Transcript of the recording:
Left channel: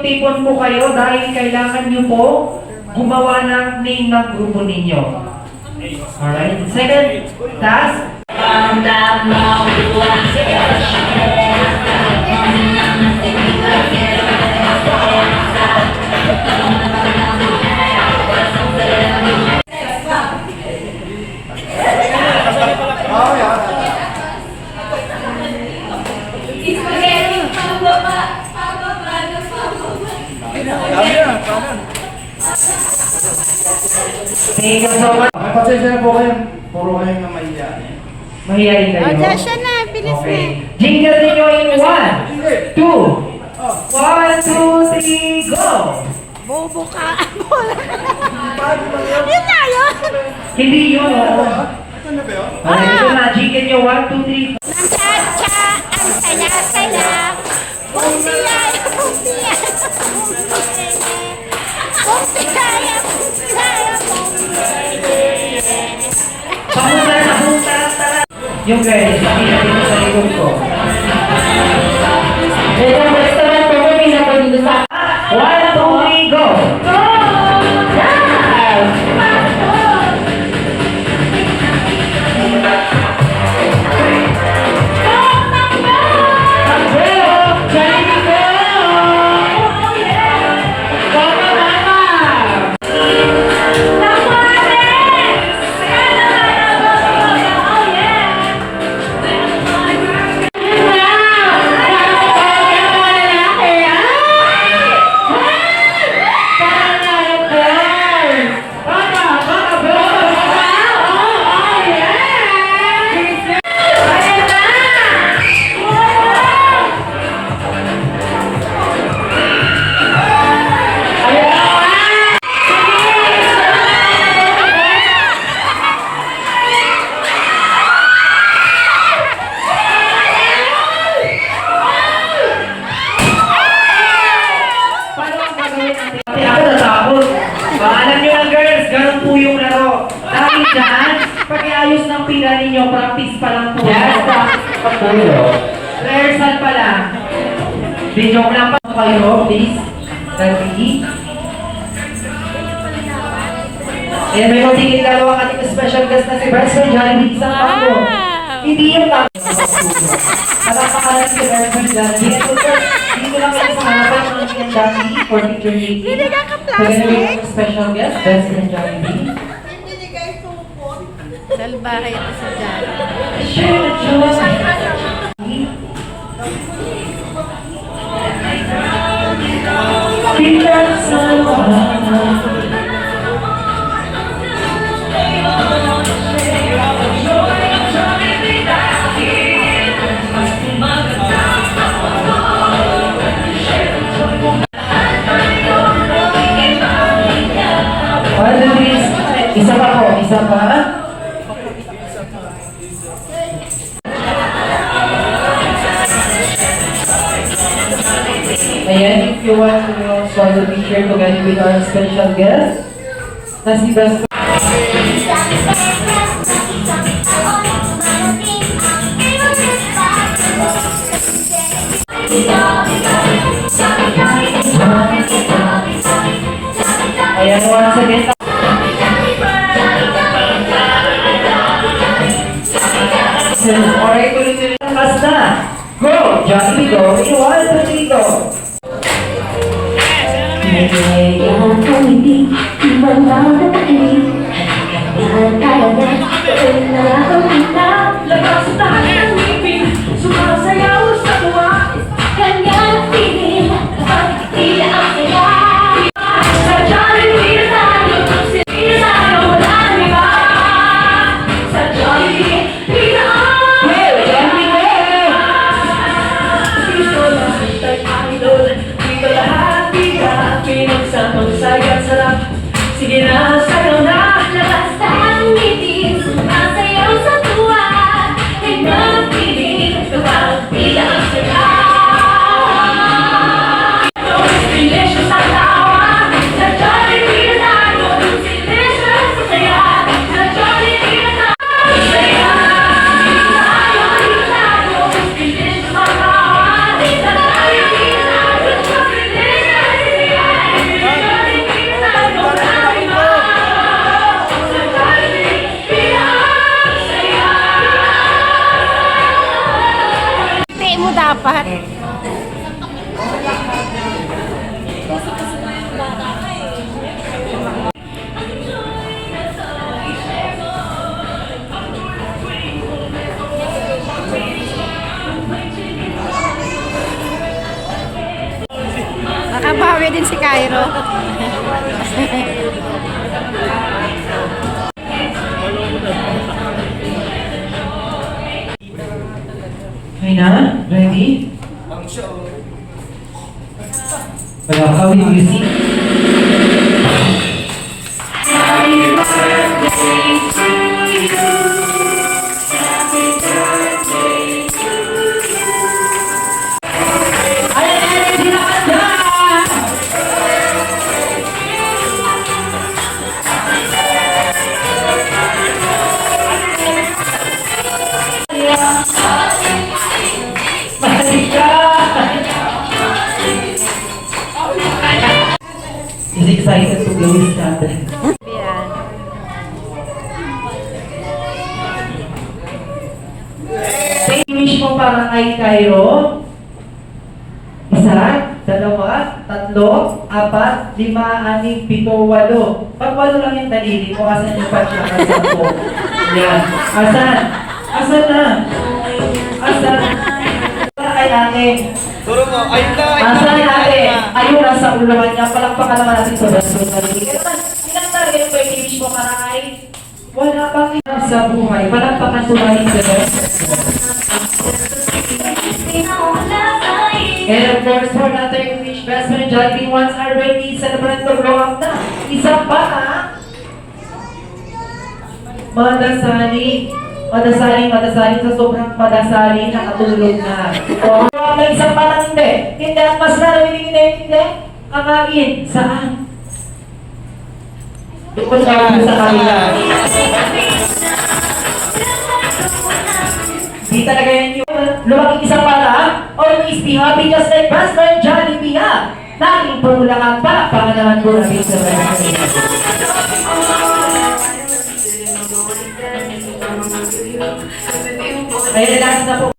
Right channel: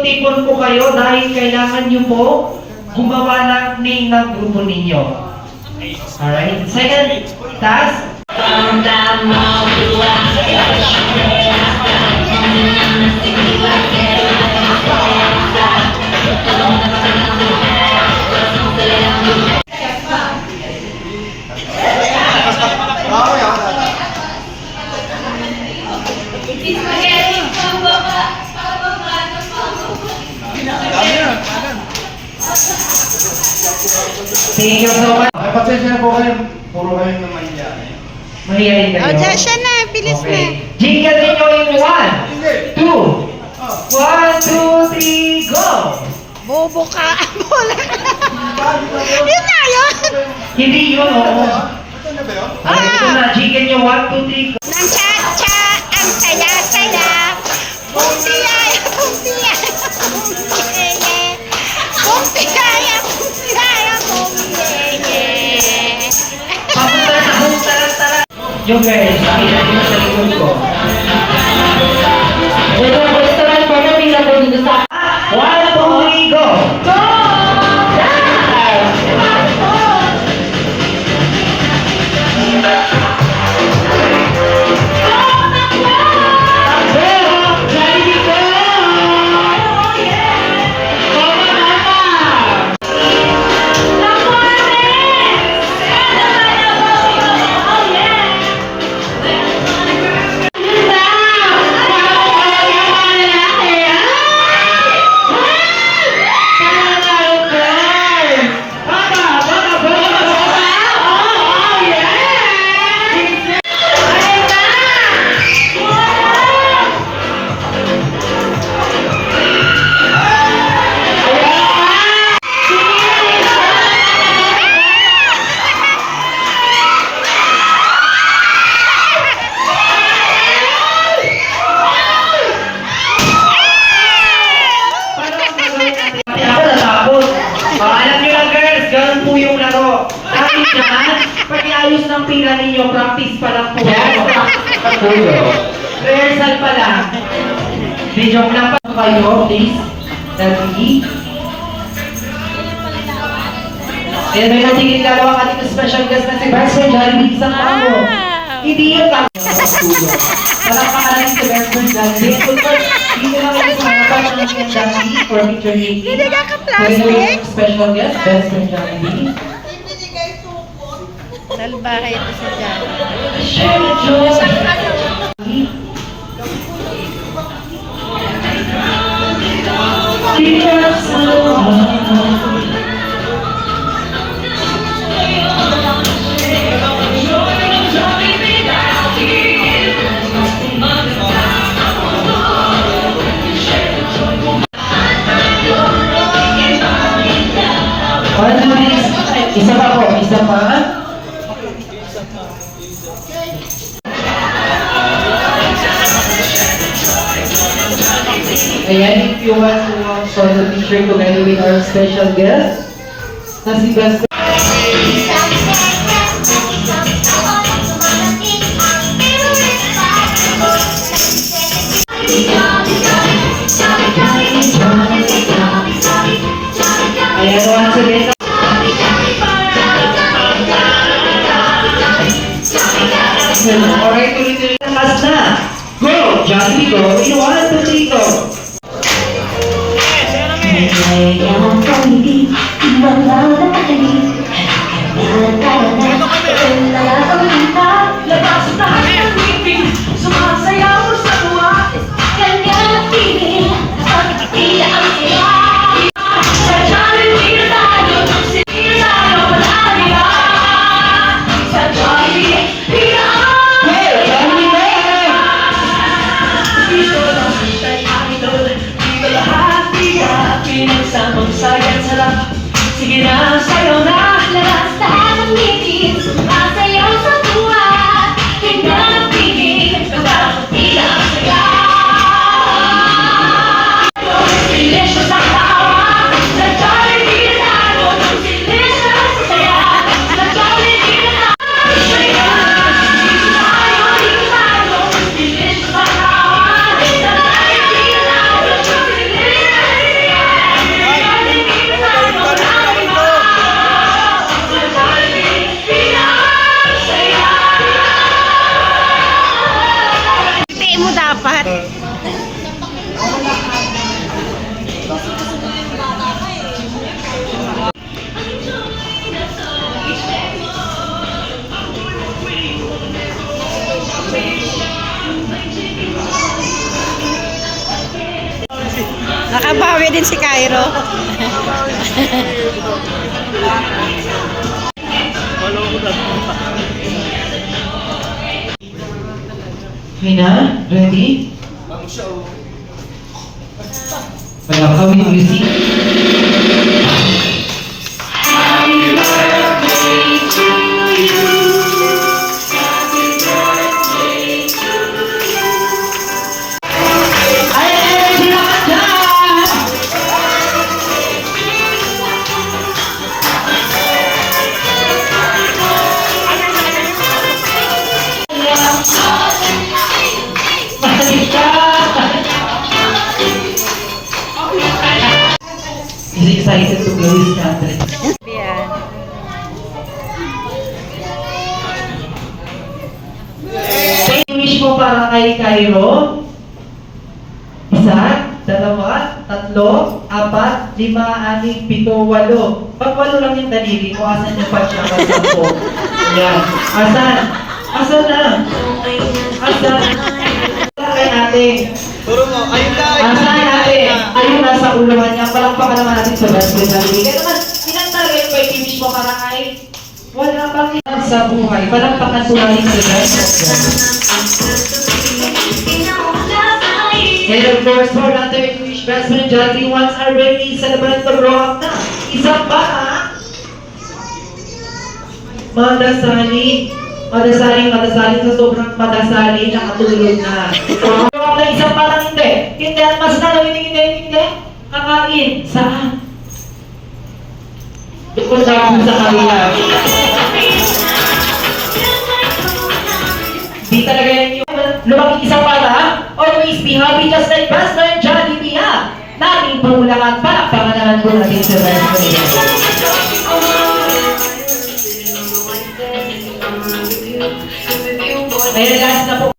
tipon-tipon po kayo dahil kailangan nyo po gumawa ng name ng grupo ninyo. Alright? Second task. Thank you so much. Ay, pasensya na po kayo. Puro kayo na mahihayin. Mahihayin kayo. O, dyan siya na. Bilis na. Jingle ninyo in 1, 2, 1, 2, 3, go! Bobo ka. Bola. Yun na yun. Hindi yun, oo. Ito na ba yun? Ito na, jingle nyo 1, 2, 3, go! Ang cha-cha, ang saya-saya. Bumpiyaya, bumpiyaya, bumpiyaya. Bumpiyaya, bumpiyaya, bumpiyaya. Yung guys, nakita nyo sa likod ko. Ito ang restaurant ko na pinapod dito sa 1, 2, 3, go! Go! Pag-iayos ng pila ninyo, practice pa lang po. Yes, practice pa po yun. Rehearsal pa lang. Video lang pa kayo, please. Ready? Ayan, may matigil dalawa ang ating special guest na si Best Friend Jollibee sa Pango. Hindi yung tama sa studio. Alam ka lang si Best Friend Jollibee. At of course, dito lang kayo sa harapan ng ating Jollibee for picture meeting. Hindi ka ka-plastic? Special guest, Best Friend Jollibee. Salbahay ito sa dyan. Isa pa po, isa pa. Ayan, if you want to for the picture together with our special guest, na si Best. Ayan, once again. Alright, tuloy-tuloy na mas na. Go! Johnny, go! In 1, 2, 3, go! Sige na, sayo na, labas na ang ngipin, sumasayaw sa tuwa, hanggang apat. Nakabawi din si Cairo. Okay na? Ready? Wala ka, we receive. Ay, sila ka dyan! Balik ka! He's excited to blow his candle. Yan. Thank you, wish mo para kay Cairo. Isa, dalawa, tatlo, apat, lima, anim, pito, walo. Pag walo lang yung daliri mo, asan yung pagkakasampo? Yan. Asan? Asan na? Asan? Para kay ate. Turo mo, ayun na, Asan na ate? Ayun, nasa ulawan niya. Palakpakan naman natin sa best friend natin. Kaya naman, ilang target ko yung wish mo para kay wala pang ilan sa buhay. Palakpakan tunahin sa best friend. And of course, for another English best friend, Jolly, once are ready, celebrate to grow up na. Isa pa, ha? Madasaling sa sobrang madasaling, nakatulog na. So, grow up na isang pa lang hindi. Hindi, mas na, hindi. Kakain. Saan? Doon na sa kanila. Di talaga yan yung lumaking isang para, ha? Always be happy just like best friend Johnny B, ha? Laging pumulangan pa, panganahan po natin sa best friend. Ayun, last na po